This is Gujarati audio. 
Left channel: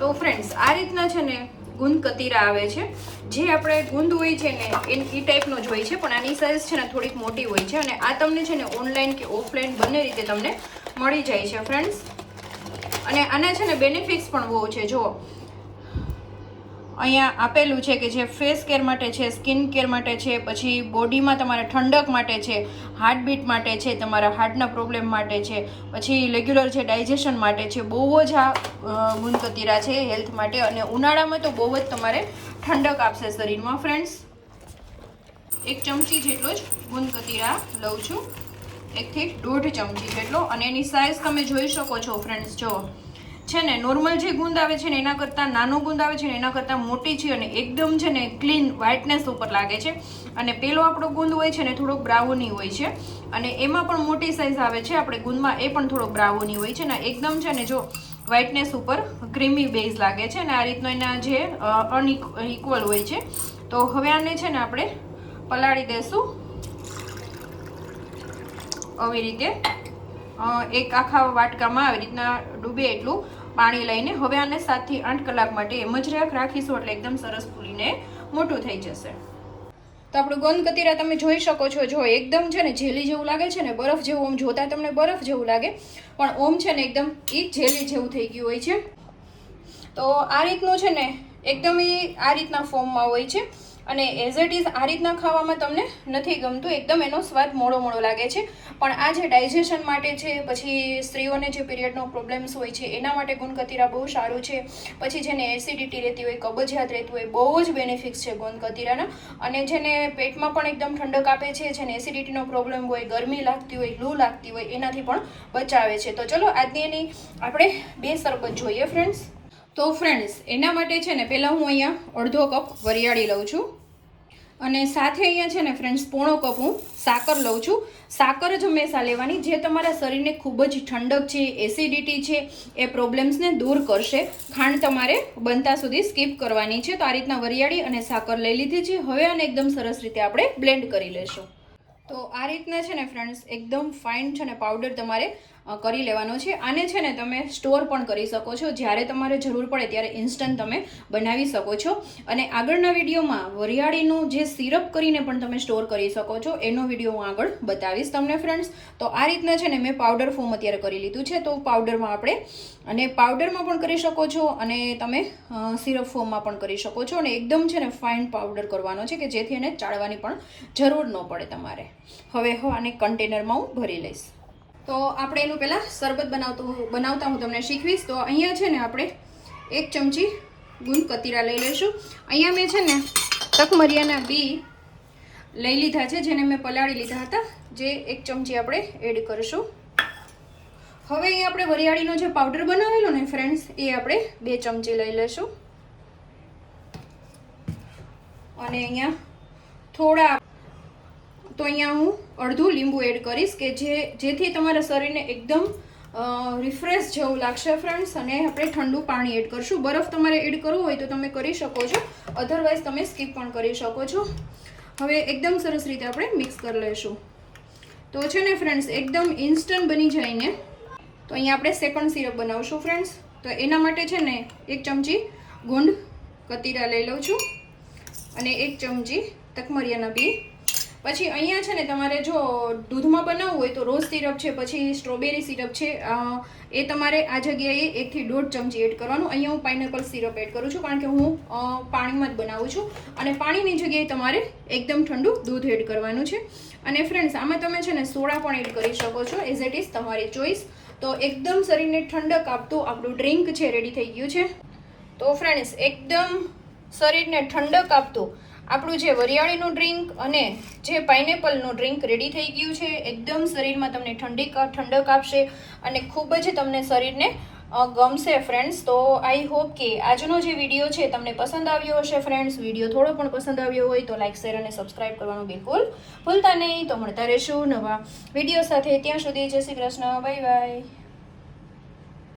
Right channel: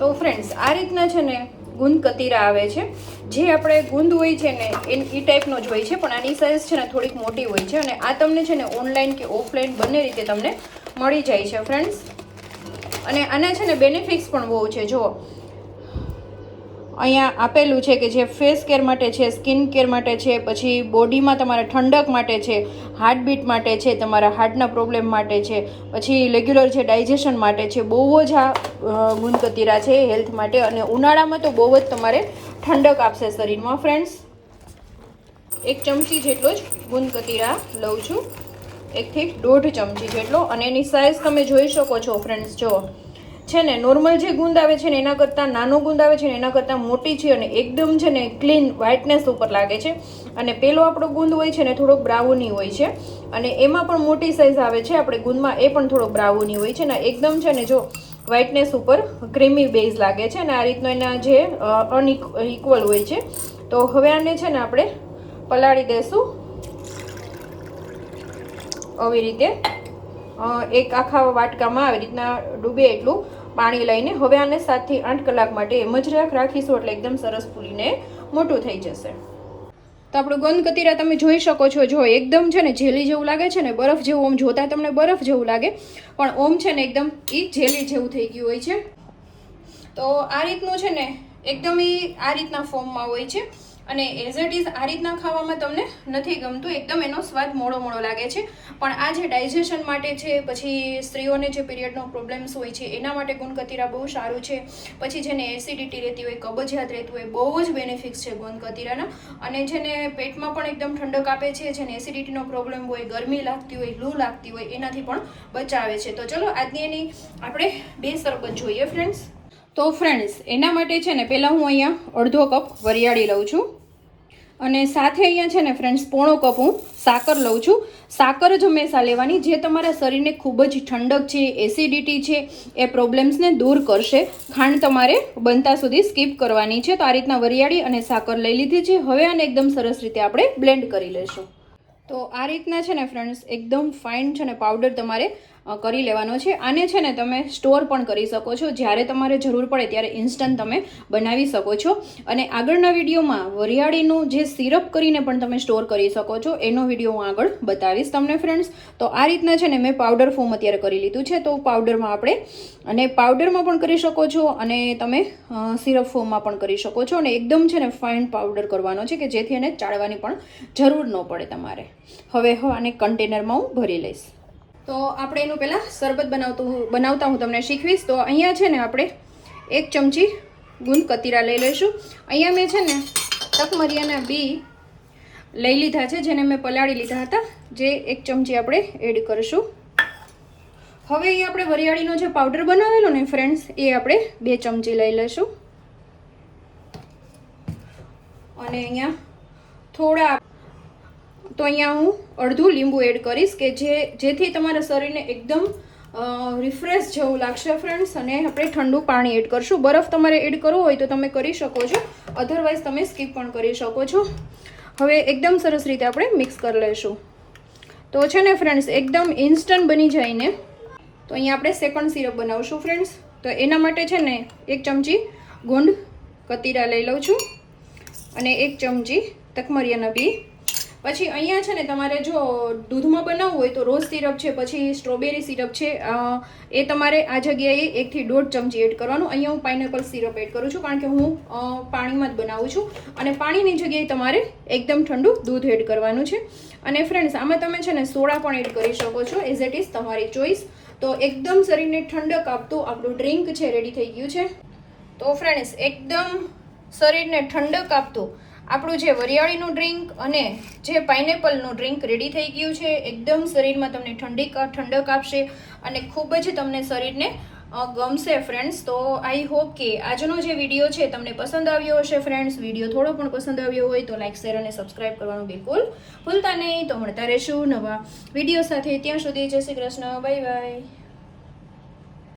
તો ફ્રેન્ડ્સ આ રીતના છે ને ગુંદ કતીરા આવે છે, જે આપણે ગુંદ હોય છે ને એ ટાઈપનો જ હોય છે, પણ આની સાઇઝ છે ને થોડીક મોટી હોય છે અને આ તમને છે ને ઓનલાઈન કે ઓફલાઈન બંને રીતે તમને મળી જાય છે ફ્રેન્ડ્સ. અને આના છે ને બેનિફિટ્સ પણ બહુ છે. જો અહીંયા આપેલું છે કે જે ફેસ કેર માટે છે, સ્કિન કેર માટે છે, પછી બોડીમાં તમારા ઠંડક માટે છે, હાર્ટબીટ માટે છે, તમારા હાર્ટના પ્રોબ્લેમ માટે છે, પછી રેગ્યુલર છે ડાયજેશન માટે છે. બહુ જ આ ગુંદ કતીરા છે હેલ્થ માટે, અને ઉનાળામાં તો બહુ જ તમારે ઠંડક આપશે શરીરમાં ફ્રેન્ડ્સ. 1 ચમચી જેટલો જ ગુંદ કતીરા લઉં છું, 1 થી 1.5 ચમચી જેટલો. અને એની સાઇઝ તમે જોઈ શકો છો ફ્રેન્ડ્સ. જો છે ને નોર્મલ જે ગુંદ આવે છે ને એના કરતાં નાનો ગુંદ આવે છે ને એના કરતાં મોટી છે, અને એકદમ છે ને ક્લીન વ્હાઇટનેસ ઉપર લાગે છે. અને પેલો આપણો ગુંદ હોય છે ને થોડોક બ્રાઉની હોય છે, અને એમાં પણ મોટી સાઇઝ આવે છે આપણે ગુંદમાં, એ પણ થોડોક બ્રાઉની હોય છે. ને એકદમ છે ને જો વ્હાઇટનેસ ઉપર ક્રીમી બેઝ લાગે છે, અને આ રીતનો એના જે અનઇક્વલ હોય છે. તો હવે આને છે ને આપણે પલાળી દેશું આવી રીતે, એક આખા વાટકામાં આવી રીતના ડૂબે એટલું પાણી લઈને. હવે આને 7 થી 8 કલાક માટે એમ જ રાખીશું, એટલે એકદમ સરસ ફૂલીને મોટું થઈ જશે. તો આપણું ગુંદ કતીરા તમે જોઈ શકો છો. જો એકદમ છે ને જેલી જેવું લાગે છે ને, બરફ જેવું, ઓમ જોતા તમને બરફ જેવું લાગે, પણ ઓમ છે ને એકદમ જેલી જેવું થઈ ગયું હોય છે. તો આ રીતનું છે ને એકદમ આ રીતના ફોર્મમાં હોય છે, અને એઝ ઇટ ઇઝ આ રીતના ખાવામાં તમને નથી ગમતું, એકદમ એનો સ્વાદ મોળો મોળો લાગે છે. પણ આ જે ડાયજેશન માટે છે, પછી સ્ત્રીઓને જે પીરિયડનો પ્રોબ્લેમ્સ હોય છે એના માટે ગુંદ કતીરા બહુ સારું છે. પછી જેને એસિડિટી રહેતી હોય, કબજિયાત રહેતું હોય, બહુ જ બેનિફિટ્સ છે ગુંદ કતીરાના. અને જેને પેટમાં પણ એકદમ ઠંડક આપે છે, જેને એસિડિટીનો પ્રોબ્લેમ હોય, ગરમી લાગતી હોય, લૂ લાગતી હોય, એનાથી પણ બચાવે છે. તો ચલો આજની એની આપણે 2 શરબત જોઈએ ફ્રેન્ડ્સ. તો ફ્રેન્ડ્સ એના માટે છે ને પહેલાં હું અહીંયા અડધો કપ વરિયાળી લઉં છું, અને સાથે અહીંયા છે ને ફ્રેન્ડ્સ પોણો કપ હું સાકર લઉં છું. સાકર જ હંમેશા લેવાની જે તમારા શરીરને ખૂબ જ ઠંડક છે, એસિડિટી છે, એ પ્રોબ્લેમ્સને દૂર કરશે. ખાંડ તમારે બનતા સુધી સ્કીપ કરવાની છે. તો આ રીતના વરિયાળી અને સાકર લઈ લીધી છે. હવે આને એકદમ સરસ રીતે આપણે બ્લેન્ડ કરી લેશું. તો આ રીતના છે ને ફ્રેન્ડ્સ એકદમ ફાઇન છે ને પાવડર તમારે કરી લેવાનો છે. આને છે ને તમે સ્ટોર પણ કરી શકો છો, જ્યારે તમારે જરૂર પડે ત્યારે ઇન્સ્ટન્ટ તમે બનાવી શકો છો. અને આગળના વિડીયોમાં વરિયાળીનું જે સિરપ કરીને પણ તમે સ્ટોર કરી શકો છો, એનો વિડીયો હું આગળ બતાવીશ તમને ફ્રેન્ડ્સ. તો આ રીતના છે ને મેં પાવડર ફોર્મ અત્યારે કરી લીધું છે. તો પાવડરમાં આપણે અને પાવડરમાં પણ કરી શકો છો, અને તમે સિરપ ફોર્મમાં પણ કરી શકો છો. અને એકદમ છે ને ફાઇન પાવડર કરવાનો છે કે જેથી એને ચાળવાની પણ જરૂર ન પડે તમારે. હવે આને કન્ટેનરમાં હું ભરી લઈશ. તો આપણે એનું પહેલાં શરબત બનાવતા હું તમને શીખવીશ. તો અહીંયા છે ને આપણે 1 ચમચી ગુંદ કતીરા લઈ લઈશું. અહીંયા મેં છે ને તકમરિયાના બી લઈ લીધા છે, જેને મેં પલાળી લીધા હતા, જે 1 ચમચી આપણે એડ કરીશું. હવે અહીંયા આપણે વરિયાળીનો જે પાવડર બનાવેલો ને ફ્રેન્ડ્સ, એ આપણે 2 ચમચી લઈ લઈશું. અને અહીંયા થોડા તો અહીંયા હું અડધું લીંબુ એડ કરીશ, કે જેથી તમારા શરીરને એકદમ રિફ્રેશ જેવું લાગશે ફ્રેન્ડ્સ. અને આપણે ઠંડુ પાણી એડ કરશું. બરફ તમારે એડ કરવો હોય તો તમે કરી શકો છો, અધરવાઇઝ તમે સ્કીપ પણ કરી શકો છો. હવે એકદમ સરસ રીતે આપણે મિક્સ કરી લઈશું. તો છે ને ફ્રેન્ડ્સ એકદમ ઇન્સ્ટન્ટ બની જાય ને. તો અહીંયા આપણે સેકન્ડ સિરપ બનાવશું ફ્રેન્ડ્સ. તો એના માટે છે ને 1 ચમચી ગુંદ કતીરા લઈ લઉં છું, અને 1 ચમચી તકમરિયાના બી. પછી અહીંયા છે ને તમારે જો દૂધમાં બનાવવું હોય તો રોઝ સિરપ છે, પછી સ્ટ્રોબેરી સિરપ છે, એ તમારે આ જગ્યાએ 1 થી 1.5 ચમચી એડ કરવાનું. અહીંયા હું પાઇનેપલ સિરપ એડ કરું છું, કારણ કે હું પાણીમાં જ બનાવું છું. અને પાણીની જગ્યાએ તમારે એકદમ ઠંડુ દૂધ એડ કરવાનું છે. અને ફ્રેન્ડ્સ આમાં તમે છે ને સોડા પણ એડ કરી શકો છો, એઝ ઇટ ઇઝ તમારી ચોઈસ. તો એકદમ શરીરને ઠંડક આપતું આપણું ડ્રિંક છે રેડી થઈ ગયું છે. તો ફ્રેન્ડ્સ એકદમ શરીરને ઠંડક આપતું આપણું જે વરિયાળીનું ડ્રિંક અને જે પાઇનેપલનું ડ્રિંક રેડી થઈ ગયું છે. એકદમ શરીરમાં તમને ઠંડક આપશે, અને ખૂબ જ તમને શરીરને ગમશે ફ્રેન્ડ્સ. તો આઈ હોપ કે આજનો જે વિડીયો છે તમને પસંદ આવ્યો હશે ફ્રેન્ડ્સ. વિડીયો થોડો પણ પસંદ આવ્યો હોય તો લાઇક, શેર અને સબસ્ક્રાઇબ કરવાનું બિલકુલ ભૂલતા નહીં. તો મળતા રહેશું નવા વિડીયો સાથે. ત્યાં સુધી જય શ્રી કૃષ્ણ, બાય બાય.